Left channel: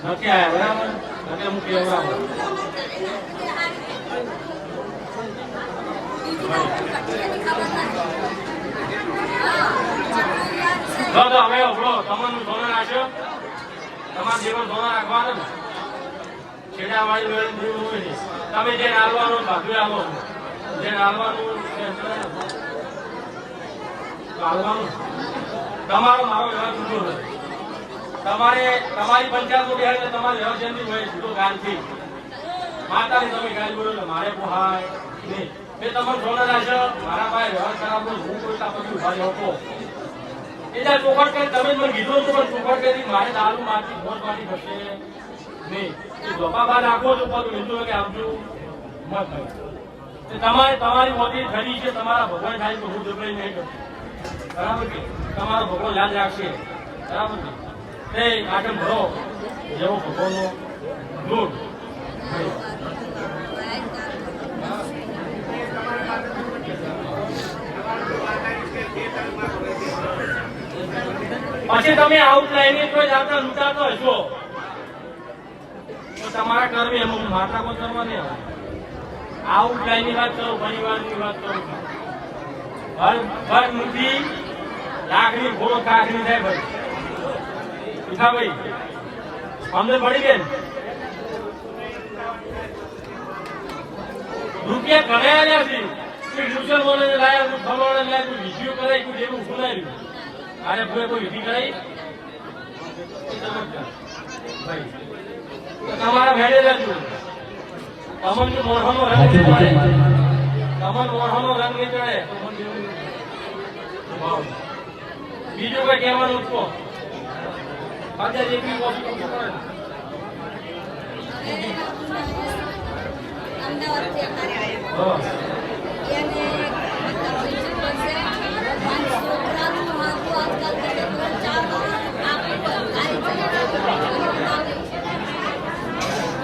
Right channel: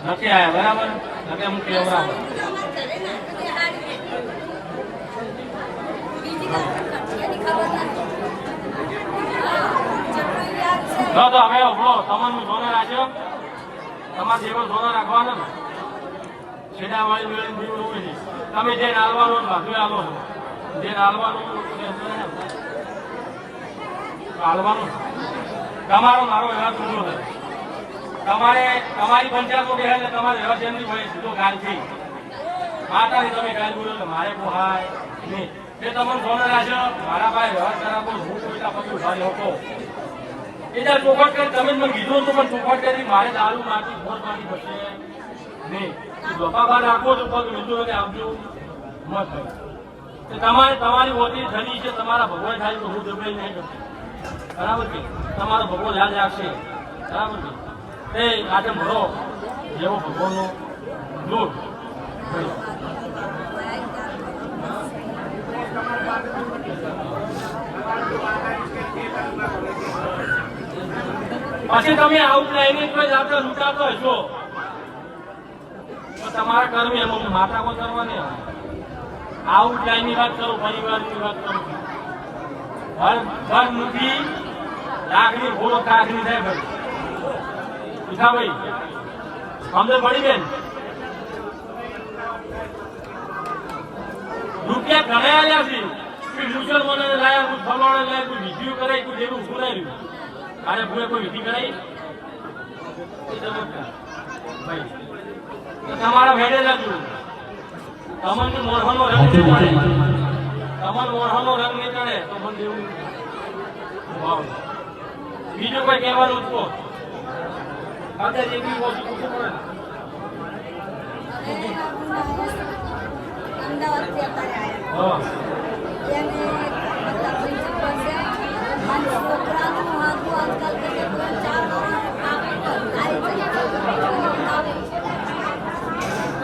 નથી આયા બરાબર તમે હું ઉભરો તમારું ધોરણ રાખવાનું ને છેડા વાળી વેળી જીવન ઊભી નહીં. તમે જે નાલવાનું ભાગી આવો જે નાલવાનું નાલવાનું તમારો મારો વ્યવહાર છૂટો નથી તમારે તમારી પંચાયતમાં બેસે એટલે તમારે વ્યવહાર જન્મી હોય છૂટો ગાંધી માતાને તમે ગાય બોલો ને મારે પોહાય નહીં. મેં તમને ધોરણ રાખ્યો મારા પાસે વ્યવહાર કરાવો હું કોઈ તા પછી ઊભા રહ્યો એ ત્યારે ચોખવટ કરી, તમે મને કીધું હતું પણ ચોખવટ કરી, મારે દારૂ માટી ભોજ માટી થશે નહીં. ગપા બહાર રાખો તો પણ બીજું કે આવજો, મત થાય તમારે તમારી મોટી ધરી છે, તમારા ભગવાન થાય તો હું દુબળે નહીં બરાબર છે તમારો ભગવાન યાદ રાખશે. બરાબર છે તે આગળ ભરો જેવો ભગવાનનો લોટ ભાઈ પછી તમે આઉટલાઈન જ આપણે લૂંટાતા હશો. તમારા કર્મ એમાં માતા કો કરવા નહીં આઉટલાઈનની વાત કરું પરિવારની વાત કરું ઘર ઘર મૂકી લાકડી ઘોડો કાકડી થાય ભાઈ. પીઠા ભાઈ સમજ પડી બેન. રૂપિયા ઘણા આવ્યા છે. કે મુસલમાનોને લાયા કોઈ ફલાણા લાયા કોઈ વિધિઓ કરે કોઈ જેવું ભૂલાયું આજે ભૂલે કોઈ વિધિ કરાઈ? ભાઈ તો તમારે ભેડે રહેજો તમને મોઢાનો રંગ તમને મોઢાનો રંગ નહીં ચડે તો જેવું વાવ. બીજું કોઈ કહેવાનું છો? કહો આજે જેટલી વસ્તુ પૂછવું પડે ને. હવે અત્યારે આવ્યા. એને છોકરાનું હાથું આજકાલ તો કાપી.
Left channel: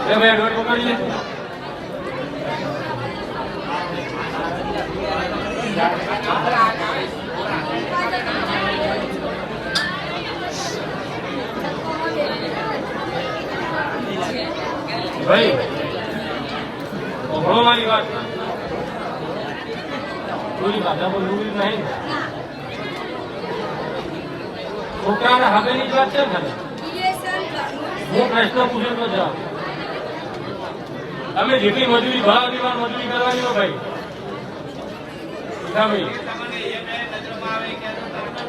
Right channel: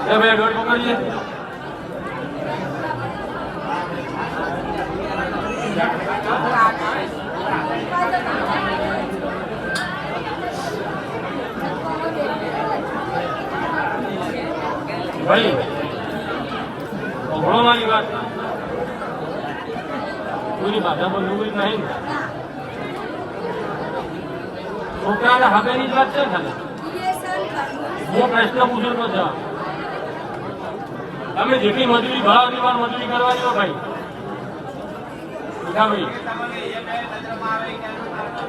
એ ભાઈ અભણવાની વાત પૂરી ભાષા પર ડૂબી નહીં ને. ના,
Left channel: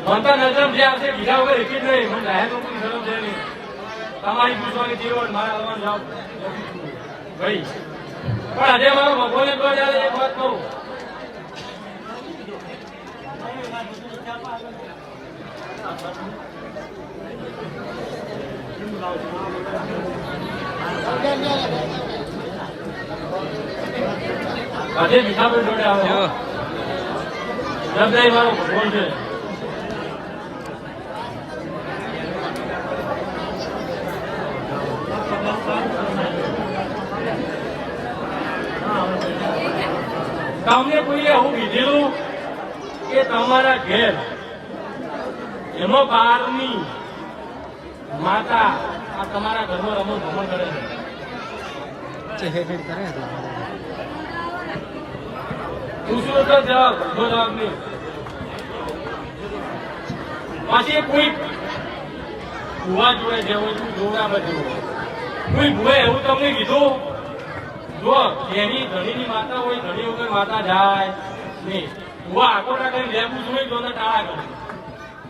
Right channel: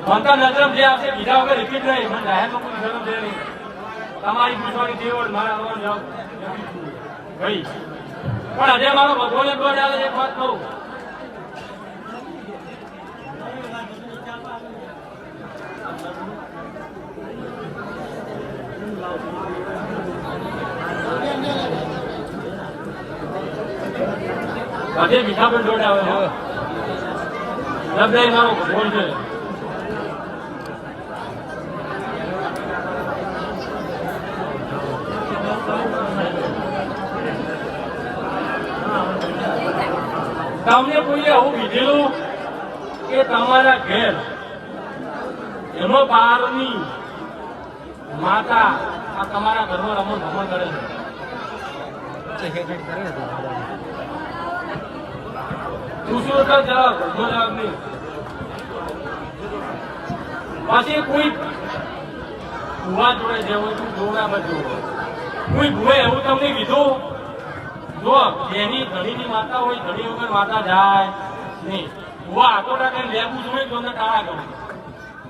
છોકરાના નજરમ જે આવશે, બીજા વગર જ નહીં. મને જાહેર નહીં. તમારી પૂછવાની મારા ભાઈ, પણ આજે મારો ભગવાન કોઈ એક બધે મીઠા પણ જોડે આવે. જબદાઈ મારો ભગવાન છે? તમને કોઈએ એવું કીધેલું? કે તમારા ઘેર. એનો બારની માતા આ તમારા ઘરમાં રમો ભમો કરે છે. દૂસરો તો જવાબ ઘરનો જવાબ નહીં. પછી કોઈ ભૂવા જોડે જવું જોડામાં જવું કોઈ ભુએ એવું તમને કીધું? જો જેની ઘણીની માતા હોય ઘણી વગર માતા જાય નહીં. ભુવા આખો કરીને લેવું જોઈએ તો ટાળા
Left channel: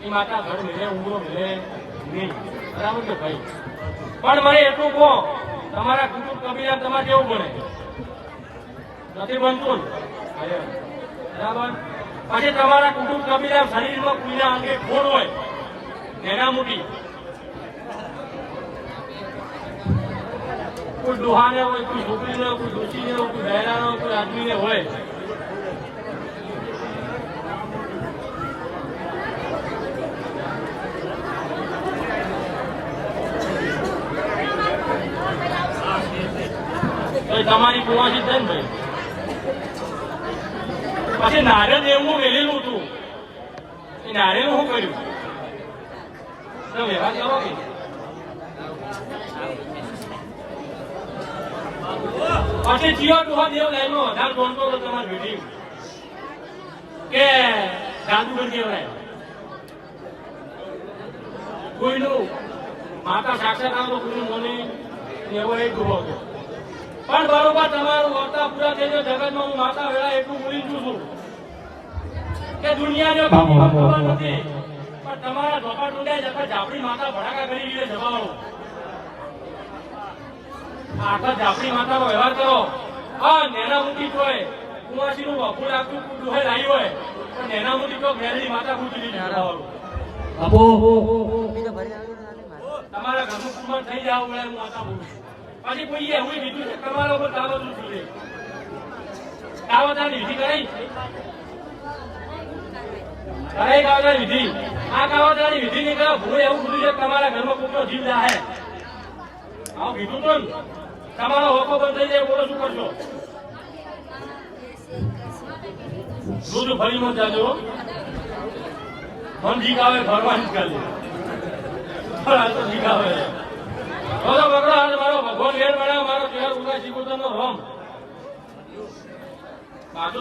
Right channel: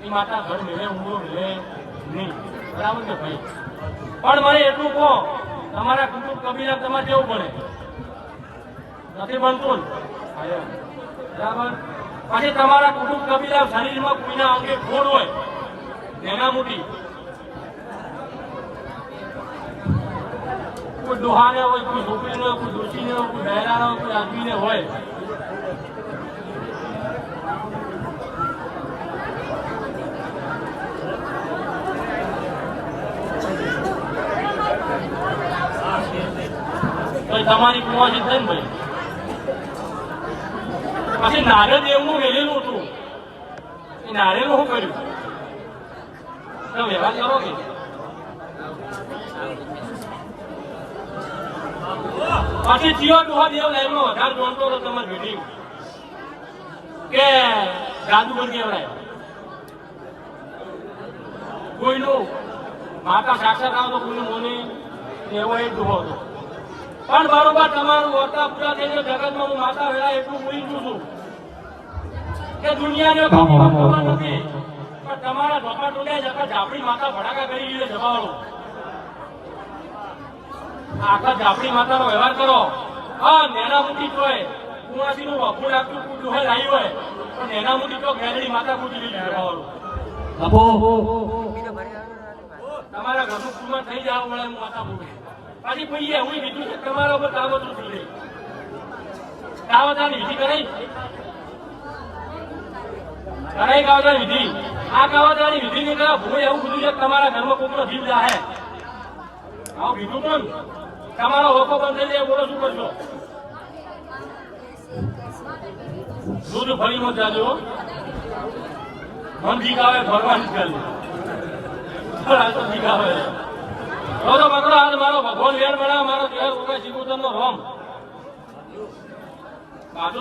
એ માતા ઘર મેળે ઊંઘો મેળે બરાબર ને ભાઈ? પણ મને એટલું કહો, તમારા કુટુંબ કબીલા તમારે કેવું બને? નથી બનતું? બરાબર? પછી તમારા કુટુંબ કબીલા શરીરમાં કોઈના અંગે ખોડ હોય નાના મૂકી. કોઈ ડોહાને હોય, કોઈ છોકરીને હોય, કોઈ ડોશીને હોય, કોઈ બહેરાને હોય, કોઈ આદમીને હોય તો એ કુવાસી થઈ ને ભાઈ? પછી નારે દેવનું વેલેલું હતું. એ નારેનું શું કર્યું? તો વ્યવહાર કરો કે પછી જીઓ ડોહા દેવ લાઈનમાં વધારે જોડતો હતો તમારે વીડિયો કે જાદુગર કહેવાય. કોઈનું માતા સાક્ષાત આમ તો કોઈનું મોની એવો એક ડોહો હતો. પણ બરોબર તમારું વર્તા પૂરા થઈ જાય જગતમાં હું માતા વેળા એટલું ભૂલી ગયું છું કે દુનિયાને ખબર નથી પણ તમારા ધોકા ટૂંડાય જતા ઝાપડી માતા ભડાકા કરી છે જવાળો આખા જાપડી માતાનો વ્યવહાર કરો. હા નેના મૂકી તોય કુવાસી નું વખું લાગતું દુહે લાવી હોય પણ નેના મૂકી તો ઘેરડી માતા લીધી જવાળો તમારા ઘરનું કુમાર થઈ જાવ મળે હું માતા બોલું પાછી કોઈ એવું બીજું છે, તમારા ઉપર કાવત થઈ ગઈ કાવતાની વિધિ કરી કરાઈ કાવતાની વિધિ? આ કાવતાની વિધિ ની કરો ભૂલે એવું કીધું છે તમારા ઘરમાં કોકનો જીવ જાહે આવું કીધું તો તમારો હોકો બંધ થઈ જાય બોલો શું કરશો? દૂધ ફરી મત જાજો. મન જીગાવે ભરવા નીકળે પણ આ તો જીગાવે બોલો પકડો હાલ મારો ભગવાન વેર બનાવ મારો તેર ઉગા નો બાજુ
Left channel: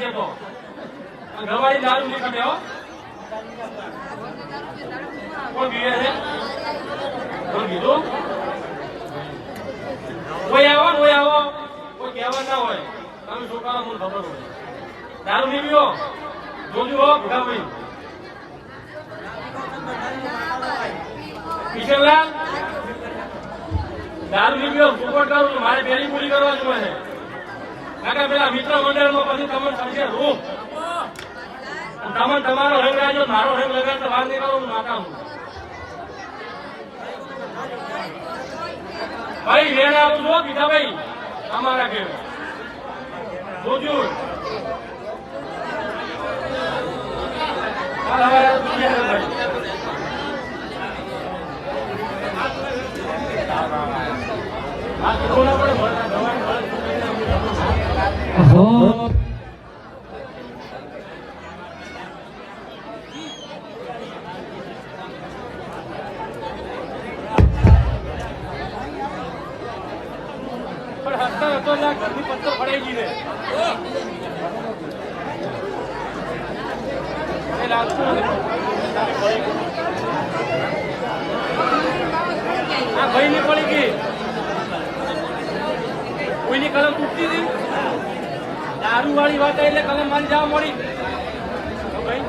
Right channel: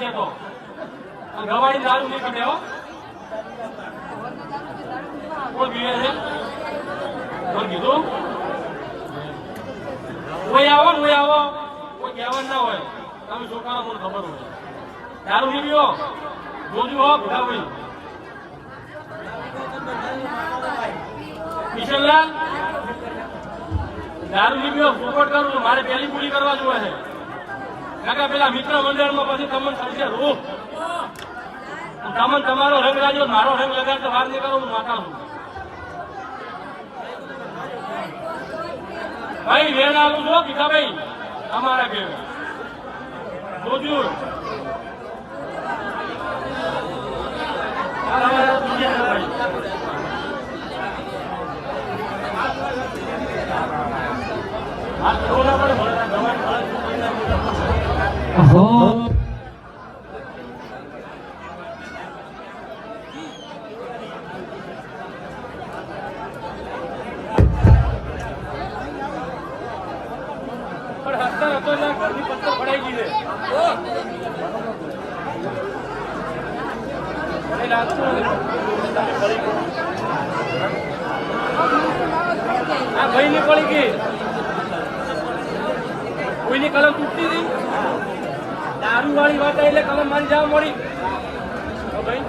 છે ગવાડી દારૂ નહીં કોઈ આવો કોઈ આવો. કોઈ કહેવા ના હોય. તમે છોકરાનો મને ખબર હોય. નહીં પીવો હો ભગાભાઈ કિશનલાલ દારૂ પીવો સપોર્ટ કરું છું મારે પહેલી પૂરી કરવા જોઈએ છે કાકા પેલા મિત્ર મંડળમાં પછી તમે થશે હું તમે તમારો રંગ રાજો મારો રંગ લગાડતો ભાગ નહીં કરો માતા ભાઈ વેણ આવું છો બીજા ભાઈ તમારા ઘેર. જોજો પત્તર ફડાઈ ગઈ છે. આ ભાઈ ની પડી ગઈ. કોઈની કલમ તૂટતી હતી? દારૂ વાળી વાત એટલે કલમ મારી જવા મળી. ભાઈ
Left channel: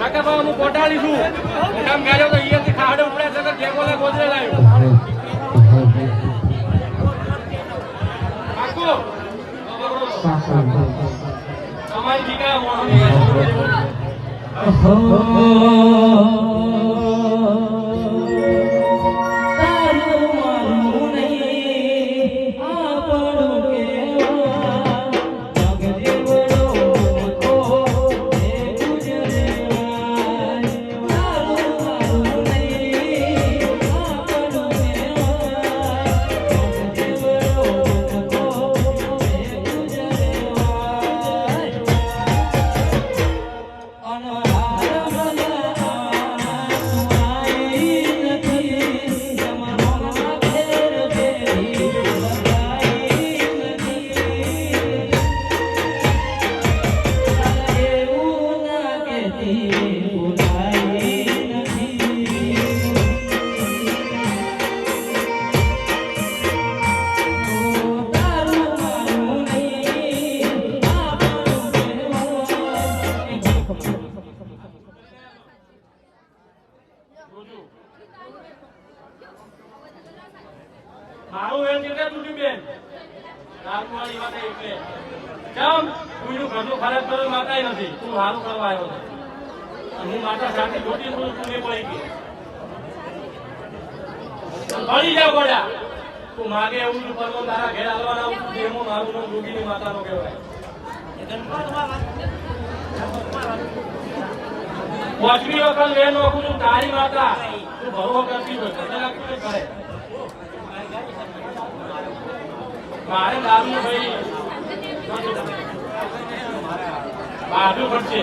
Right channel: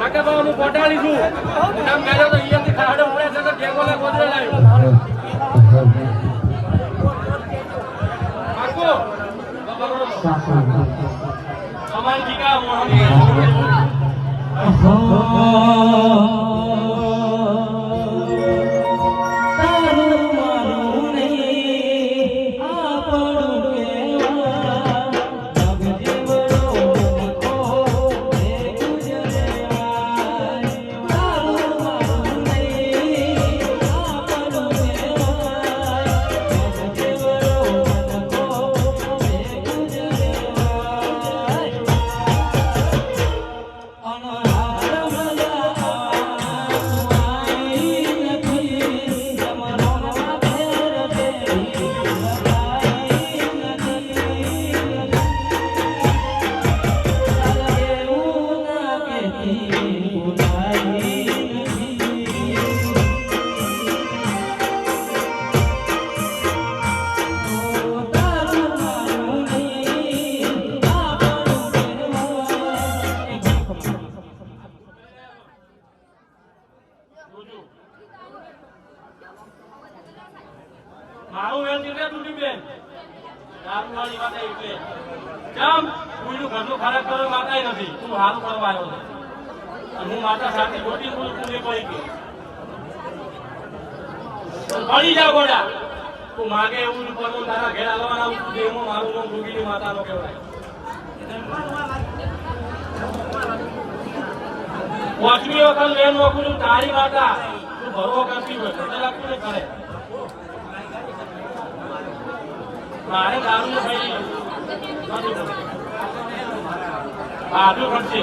કાકા બાબા હું પોટાડી છું. મોટામાં ગયેલો તો અહીંયાથી ખાડે ઉપડ્યા છે તો ગોદરે લાવ્યો મારું કેમ ખરાબ કરવા નથી. તું સારું કરવા આવ્યો છે. હું માતા સાથે મોટી છું પડી જા ગોડા તું એવું પરમો તારા ઘેર આવવાના આવું રોગીની માતાનો કહેવાય. પાંચમી વખત નોખું છું, તારી માતા. તું ભરવો કરતી હોય કરે મારે દારૂ ભાઈ. બાજુ પડશે.